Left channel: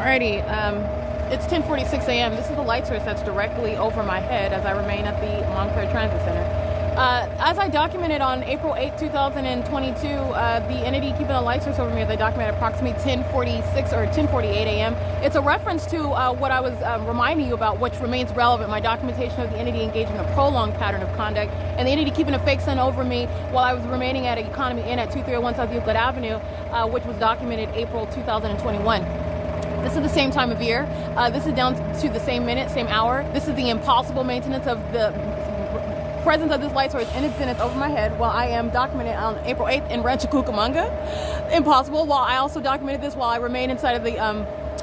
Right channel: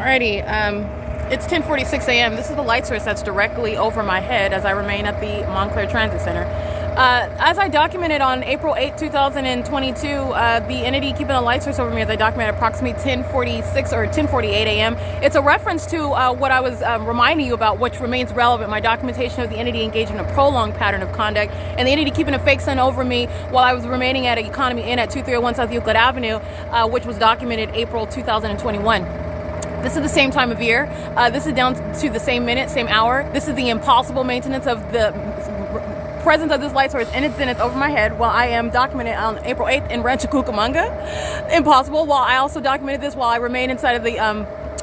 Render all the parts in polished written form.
Alrighty, it's 10:46 a.m. This is the light source that's directly over my head as I remain at the Montclair Transit Center. As I documented on April 8, 2022, the entity keeping a light source over me, as I documented approximately 10:46 or 10:48 a.m. It's a reference to what I was reminding you about, which remains relevant. My documentation of the entity engaged in a prolonged pattern of conduct, and the entity keeping a fake sun over me while I was remaining at Economy Inn at 2301 South Euclid Avenue, which was documented April 2021. This is the same time of year. This is down to the same minute, same hour. This is the impossible maintenance of the presence of this light source in its zenith over my head while I am documented on April 8th in Rancho Cucamonga. Impossible. While I also documented this while I remain inside of the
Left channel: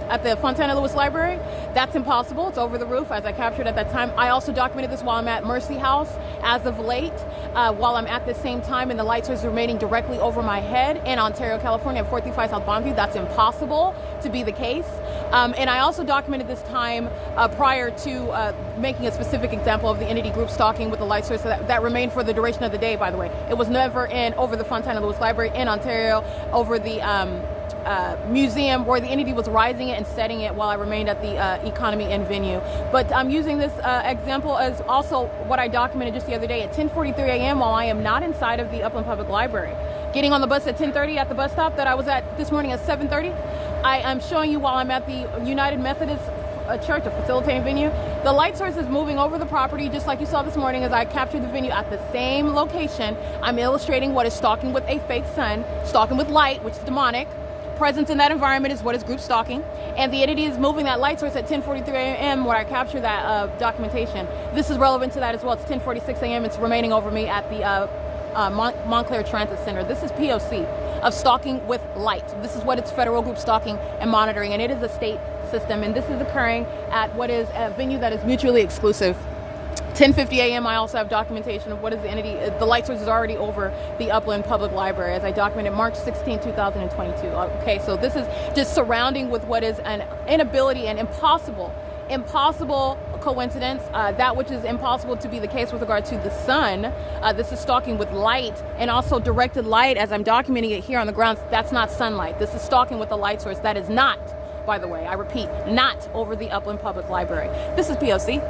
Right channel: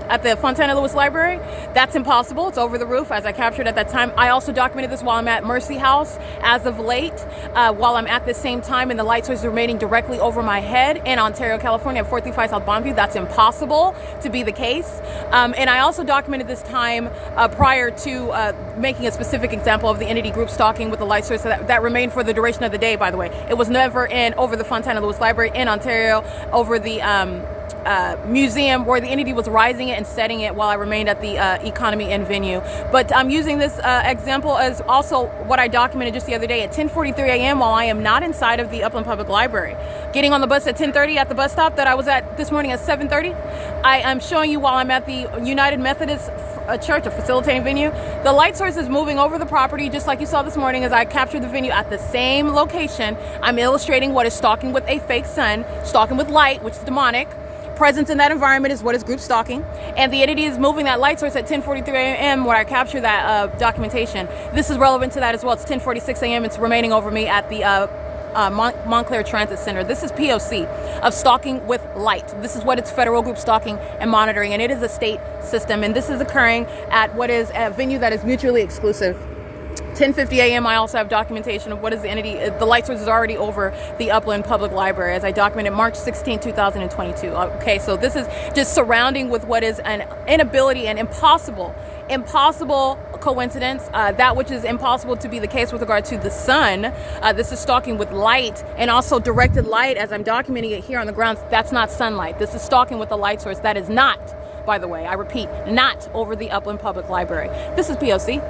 at the Fontana Lewis Library. That's impossible. It's over the roof, as I captured at that time. I also documented this while I'm at Mercy House as of late, while I'm at the same time, and the light source is remaining directly over my head in Ontario, California at 435 South Bonneview. That's impossible to be the case. And I also documented this time prior to making a specific example of the entity group stalking with the light source that remained for the duration of the day, by the way. It was never over the Fontana Lewis Library in Ontario, over the museum where the entity was rising it and setting it while I remained at the Economy Inn venue. But I'm using this example as also what I documented just the other day at 10:43 a.m. while I am not inside of the Upland Public Library. Getting on the bus at 10:30 at the bus stop that I was at this morning at 7:30. I am showing you while I'm at the United Methodist Church, a facilitating venue. The light source is moving over the property just like you saw this morning as I captured the venue at the same location. I'm illustrating what is stalking with a fake sun, stalking with light, which is demonic. Presence in that environment is what is group stalking, and the entity is moving that light source at 10:43 a.m. where I capture that documentation. This is relevant to that as well. It's 10:46 a.m. It's remaining over me at the Montclair Transit Center. This is P.O.C. of stalking with light. This is what it's federal group stalking and monitoring, and it is a state system, and this is occurring at what is a venue that is mutually exclusive. 10:50 a.m. I also have documentation of what is the entity. The light source is already over the Upland Public Library as I documented March 16, 2022. Okay, so this is just surrounding with what is an inability and impossible coincidence, that which is impossible to be the case with regard to the sun. This is stalking with light and also directed light as I'm documenting it here on the grounds. That's not sunlight. This is stalking with a light source that is not, by the way, I repeat, not over the Upland Public Library. This is POC.